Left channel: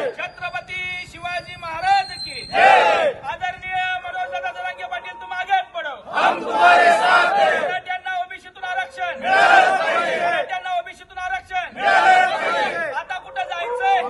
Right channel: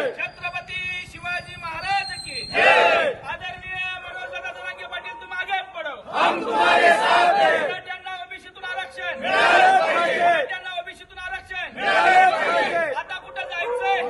छत्रपती शिवाजी महाराज की आदरणीय मनोज जरांगे पाटील तुम आगे पडो. मराठ्यांना ओबीसीतून आरक्षण. मराठ्यांना ओबीसीतून आरक्षण. आता कुठं जायचंय?